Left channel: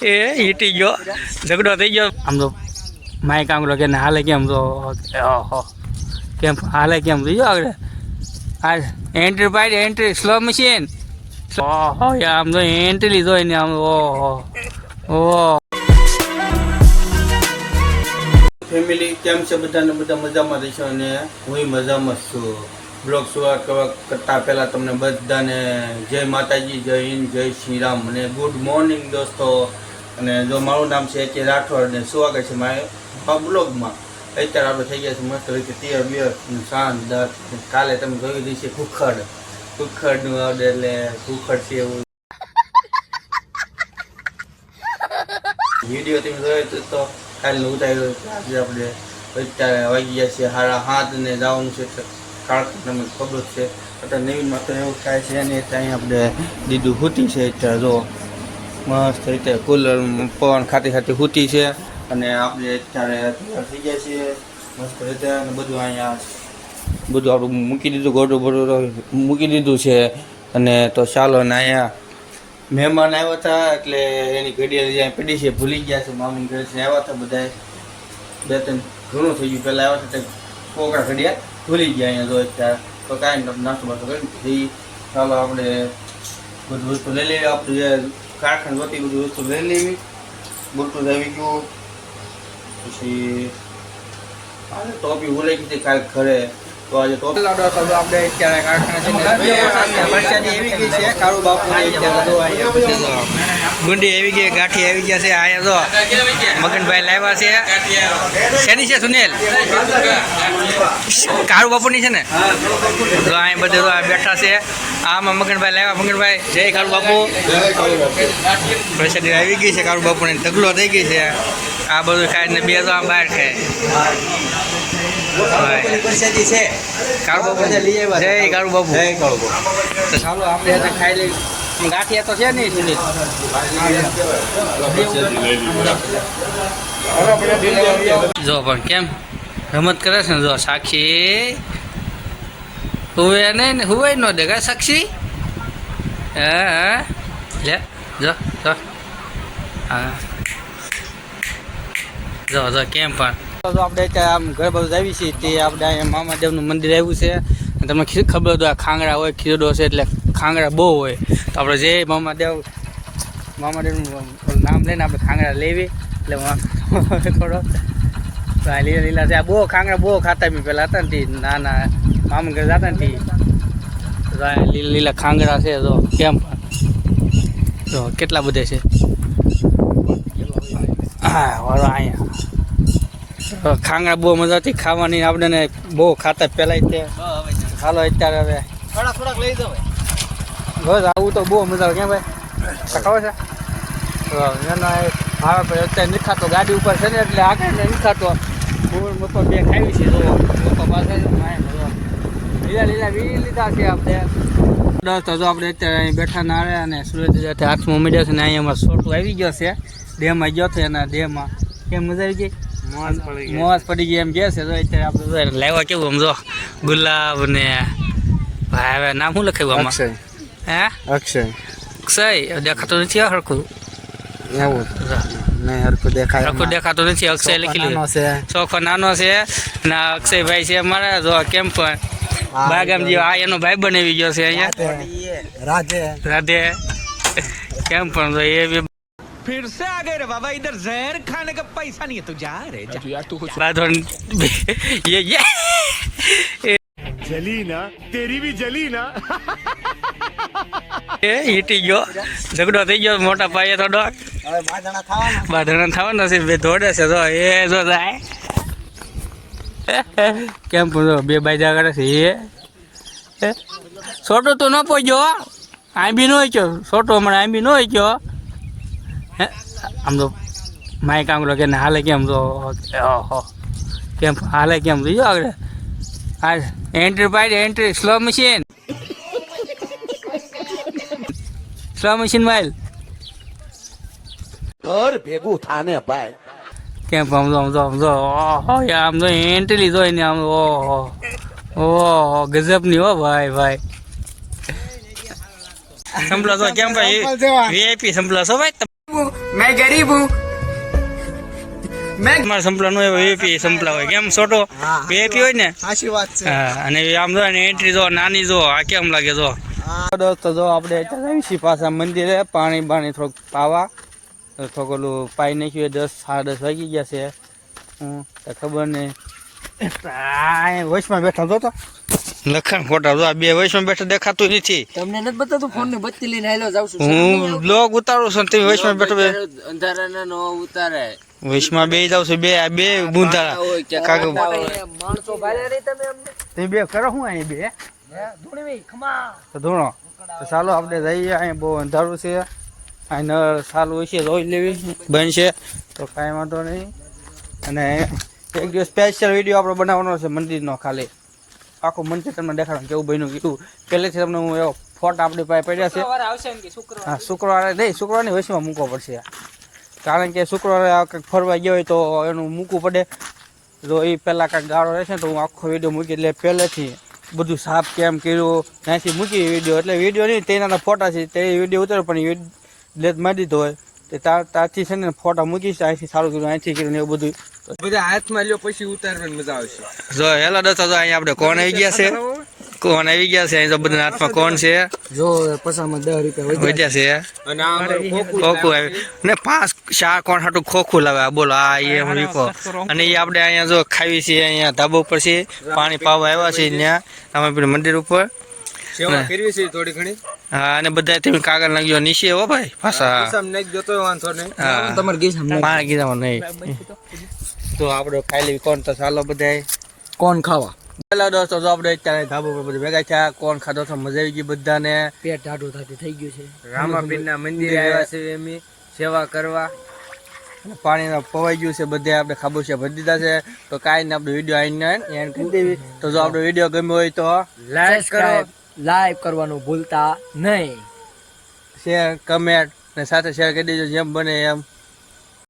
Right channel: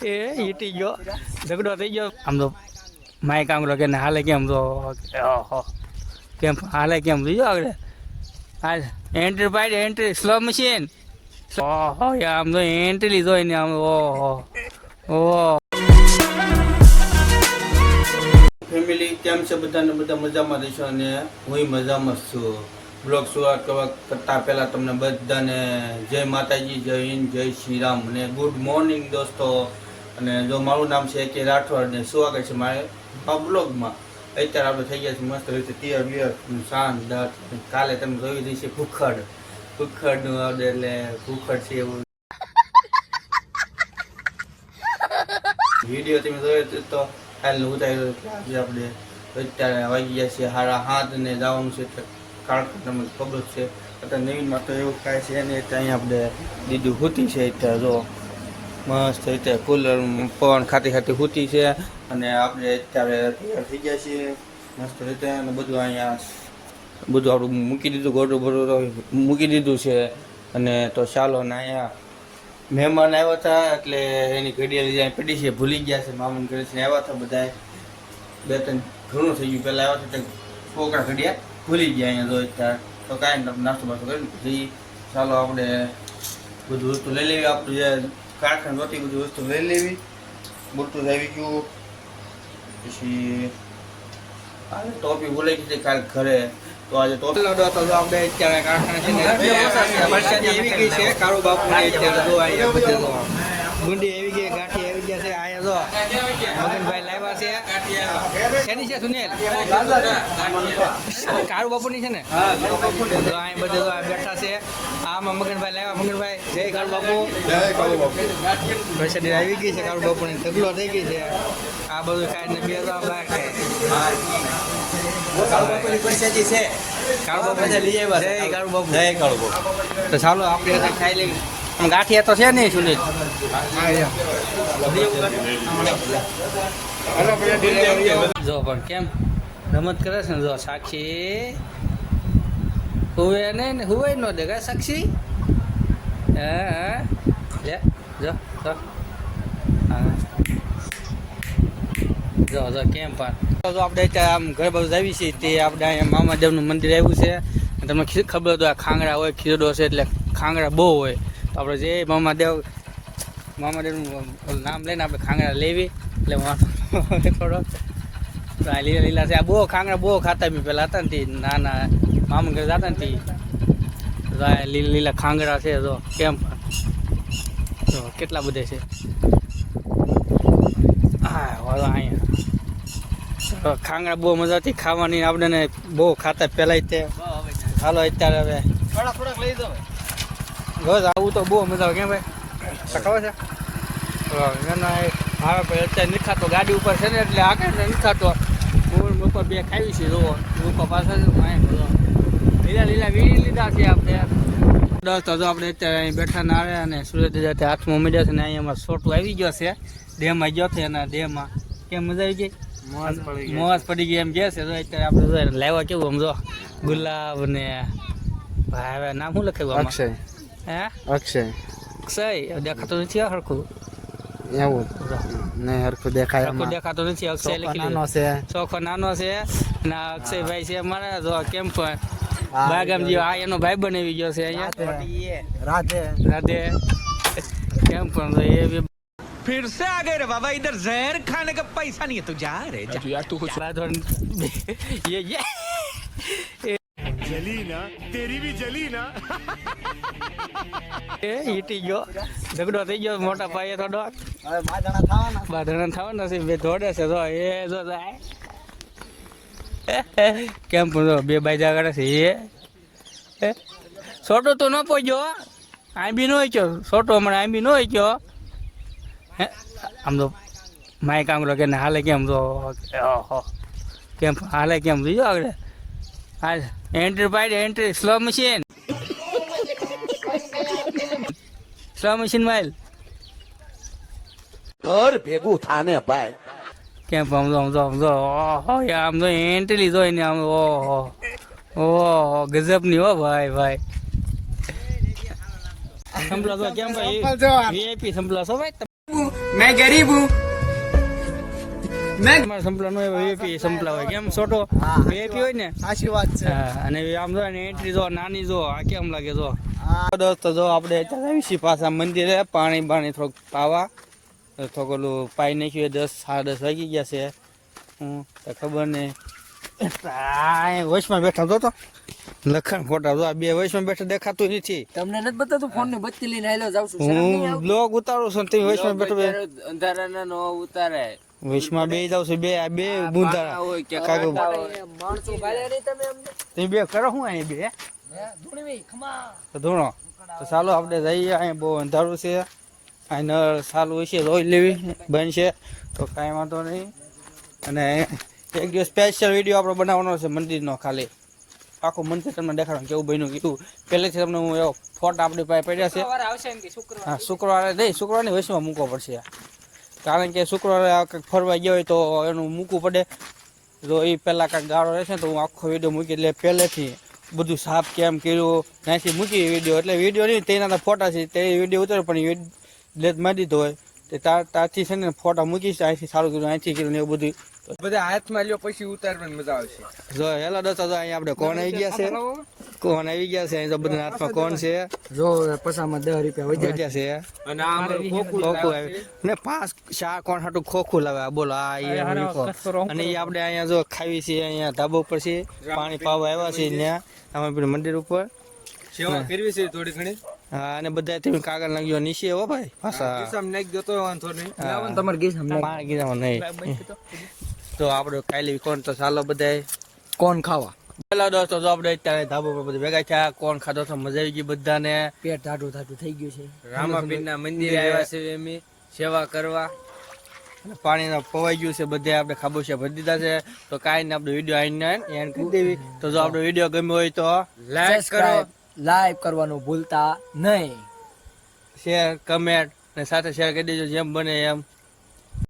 એ હીટી ગયો ઝઘડો થઈ ગયો આમ તો માય કામ કરો કે હાલે કેમ તો કેમ હાલે કેમ તો આગળ હા એન્ટ્રી પાડી એન્ટ્રી સ્લો મશીન આમ તો એન્ટ્રી લીધો એને આમ ઓહો ફેમિલી કેમ છે બધાને બધા મજામાં રહેશો અને હું મજામાં છું બ્લોગ શરૂઆત કરતા પહેલાં તમને બધાને જય માતાજી જય હિન્દ જય શ્રી રામ અને ગુડ મોર્નિંગ દોસ્તો અને જો મારું નામ છે કે રાઠોડ અને સ્વાગત છે મારા બ્લોગમાં અત્યારે આપણે થઈ ગયા છે મસ્ત રીતે તીર બિયર શાનદાર કાલે તમે જોઈ દઈ છે કુખડનું આવડે એટલે કુખડ છે એવું વિડીયો તમે જોયો તો કાલે ઉતાર્યો આજે આપણે અત્યારે વાગી ગયા છે 7:30 ને જવાનું છે તમને ખબર છે અત્યારે નવીનમાં તો એવું થાય છે ને ત્યાં આપણે દીધું હૂતી છે અત્યારે જો મસ્ત અત્યારે કુલર પવન ખાતી હૂતી છે અને આપણે અત્યારે તૈયાર થઈ ગયા છીએ મસ્ત રીતે અને બધું અહીંયા બધું આપણું મૂકી દીધું ગોડું બોડું મૂકી દીધું છે અને તો ચાલો ને અહીંયા મહેમાન આવ્યા હતા એટલે એની ઘડિયાળ જ્યાં પડી છે ભૂલી ગયા છે મામૂન ઘરે છે આવ્યા હતા બધા 2-3 ઘણું થઈ ગયું પહેલાં આવ્યા હતા છોકરા ઘડિયાળ ભૂલી ગયા અહીંયા જો અત્યારે તો કાંઈ નાસ્તો બાસ્તો કરી ચાલો આપણે બધું વસ્તુ લઈ લેવી આપણું જે કારખાને વતી બધી વસ્તુ લઈ લેવી મોટું આવી ગયું પછી આજે ટોપી ભૂલાઈ ગઈ હતી કાલે ઘરે તો આજે ટોપી લાવડો તો આપણે અત્યારે કારખાના એવી ગઈ છે કાળુ બાપુ ગુંડી આવી ગઈ ગાંઠી આવી ગયા છે અહીંયા તો મગનભાઈ લાવ્યા છે શેની છે સુનિલ કાળુ બાપુની છે ને તો અહીંયા બધે બેઠા છે આમાં મગનભાઈ લાવ્યા મગનભાઈ જય કાળુ બાપુ પ્રસાદી આવી ગઈ છે કાળુ બાપુની ઢગલો થઈ ગઈ છે આ બધું ખાઈને બે તો આમ બહાર ખાય જય કાળુ બાપુ તો ચાલો આપણે ખાઈ લઈએ ગાંઠિયા તો છે નહીં સુનિલ જો પણ કેમ રમત કરે છે ને જો સાક્ષી હુવે નહીં ને હુવાય ન દેખાય સાક્ષી હા લે જો હા જો કેમ પણ આપણે આમ ઘર બાજુ આવી છીએ તે આપણે મામાદેવનું મંદિર આવ્યું છે તમને ખબર હતું આ ખાંગડા હોય ખીરડો છે એટલે ખાંગડા બહુ હોય તો આપણે જે મામાદેવનું નામ લઈને આપણે ખાંગડા લેવી એટલે થોડો લીલા લીલા છે આ બહુ ખાંગડા બહુ ખાતા બી પહેલાં હતા ને તે નાના મામા ઘરે જતા ને તે લીલા લીલા ખાંગડા છે તો કેમ તો કેટલા બધા છે હા વાળો અહીંયા ખાંગડા બહુ મજા હતી ખાવાની આપણે બહુ ખાતા પહેલાં તે હાલો અત્યારે હવે થોડાક લઈ દો બસ આવું તો બહુ મજા આવે કેમ ભાઈ ખાવા છે હા અત્યારે નથી ખાતો ગાડી ઉપર છે ને એટલે આગળ નથી ખાતો બપોર બે ખાવી છે લીલા લીલા વીડી લીધા છે આપણે તો આપણે અત્યારે અહીં બેઠા ના આવે અને સુરત હાથમાં મીડ્યો છે ને અહીંયા શોર્ટ આવી ગયો છે ડેમમાં ગયો છે એના ડેમમાં કેમ મજા આવી ગઈ મોજ પડી ગઈ એમ કે છે તો અત્યારે આપણે લાવ્યા કેવું આમ જો ગુલાબ ને ભાઈ હવે નામ શું લખાયું આમાં હે અક્ષય દેખાતો નથી હરખું એવું નહીં હરખું દેખાતો નથી અક્ષય લખી લીધું ચોખો નાનો છે ને અક્ષયભાઈ છે અમારા જો કેમ પણ બાગામજી આ એનો ભાઈ બનાવી ગયો છે અહીંયા રાધે કેમ પણ એ બી फिर से आ गए रे बाबा इधर जहर खाने का पैसा नहीं है तू जा रे जा यार तू कुछ ये जली ना तेरी भी जली ना હીટી ગયો ઝઘડો થઈ ગયો મોટા પાયે થોડો બાંધણા થવાનો છે બે દોડે છે તો એ જો જાય કેમ પૂછો બે બાજા કરે છે એ છોટો તો ન પહોંચ્યો આ બી ન ગયો છોટો હમણાં આ બી ન ગયો આમ તો માય કામ કરો કે હાલે કેમ તો કેમ હાલે કેમ તો આગળ હા એન્ટ્રી પાડી એન્ટ્રી સ્લો મશીન માઇલ ઘર ભેગું થાને ભાઈ કેમ આમ તો એન્ટ્રી લીધો એને આમ ઓહો ગજબની હો ભાઈ સંભળો છો કેમ ભાઈ વીઆઈપી સંભળો છો ભાઈ मैं गरीब हूँ मैं તમારે સંભળા નો વીઆઈપી સંભળા હોય કેમ છોટો વીઆઈપી હોય ને આશીર્વાદ છે હા અને આમ જો ને એન્ટ્રી જો નાની જો આ કેમ લાગે જો દોસ્તો જો આપણે અત્યારે આવીશું પાછા મંદિરે પાણી બાણી થોડુંક પાવા થોડુંક ઓલું પાઈ નાખ્યું 10 સાડા 10 વાગી ગયા છે હું ખબર નહીં વચમાં બેઠા તો લખણ ખોટા જો આ બે વચમાં બેઠા દેખાતું નથી તમને નથી બતાતું ફોન ની બત્તી લઈને આયલો જાવ છું હું બ્લોગ ઉતારું છું ને તમે વચમાં બેઠો અંધારાના નો ઉતારે વચમાં બે જાવ છું બે આ બે બુંધા કાકા માણસો ભારે નહીં તમે અમને તમે બે કરો હું અહીં બે ધૂણવી ખમા તો ધૂણો તો ચાલો આપણે જઈએ અહીં બહુ અંધારું છે અહીં નળ ચાલુ છે રોજ લેવી બનશે તો કાંઈ વાંધો નહીં અને એક દિવસ સ્પેશિયલ વિડીયો આપણે બનાવવાનો છે મંદિરનો ખાલી આખું મંદિર તમને દેખાડવાનું કેવું બન્યું કીધું પહેલેથી તમને હું એવો ફોટા આપણી પાસે પડ્યા છે હા શુક્રવારે નહીં શુક્રવારની વચમાં મૂકવો પડશે કારણ કે શુક્રવારે કંઈક ફરવા ગયા હોય તો એનું મૂકવું પડે જો એ પહેલાં કાંઈક ગાળો રહેશે ને તો હું આખો વિડીયો મૂકી એટલે પહેલેથી બધું સાફ કેમ કર્યું ત્યાંથી મૂકી વિડીયો એટલે વિડીયો નહીં તેના ફોટા છે તે વિડીયો ઉતારે પણ ડિલેટ મારી દીધો હોય તે ત્યાંથી છે ને ફોટા મૂકીશ અહીંથી સારું કર્યું અહીંથી કર્યું એવું બધું બધા હાથમાં લ્યો પછી ઉતારવાની મજા આવશે જો હેલો દોસ્તો જો અહીંયા આપણે કોણ આવી ગયા છે કોણ આવી ગયા છે અહીં તો બધા હાથમાં કોણ છે જો પસામાં 10 રૂપિયા વધ્યા છે અને આ ખોખું આવ્યું ને 5-4 કોણ હાટું ખોખું લાવે બોલો આ એ રીકો અને એ આપણે અહીંયા જો ખાવી છે અહીંયા ધાબા ઉપર છે પાણી પાવા આવ્યા છે ત્યાં અમે પેલું મંદિર ઉપર સેવા કરવી છે થોડી ઘણી હા અને બધા તમે કાગળ નાખ્યો નીચે હો ભાઈ પાછા સમ નાખ દેતો વાંધો નહીં હા તમારે ગીસ હમ પાણી ગીધામાં નહીં તો આપણે ખાઈ લેવી કોણ તો ચાલો બધા કોણ ખાવા હેલો દોસ્તો જો આપણે અત્યારે ધાબા પર બધા ભેગા થયા કોણ ખાધો તો મજા આવી ગઈ બધાને પેટ ટાઢું થાતું થઈ ગયું છે રામાપીરના મંદિરે આવ્યા છે અમે સેવા કરવા પાણીના પવાઈ ગયું છે બધે આપણે ખાબોચિયા ભરી દીધા છે તો કાંઈ ને આપણે વિડીયો આવીને એન્ડ કરી દેવી તો જો આપણો વિડીયો ગમ્યો હોય તો લાઈક કરવાનું ભૂલતા નહીં શેર કમેન્ટ ને સાથે શેર કરી દેજો જેમ બને એમ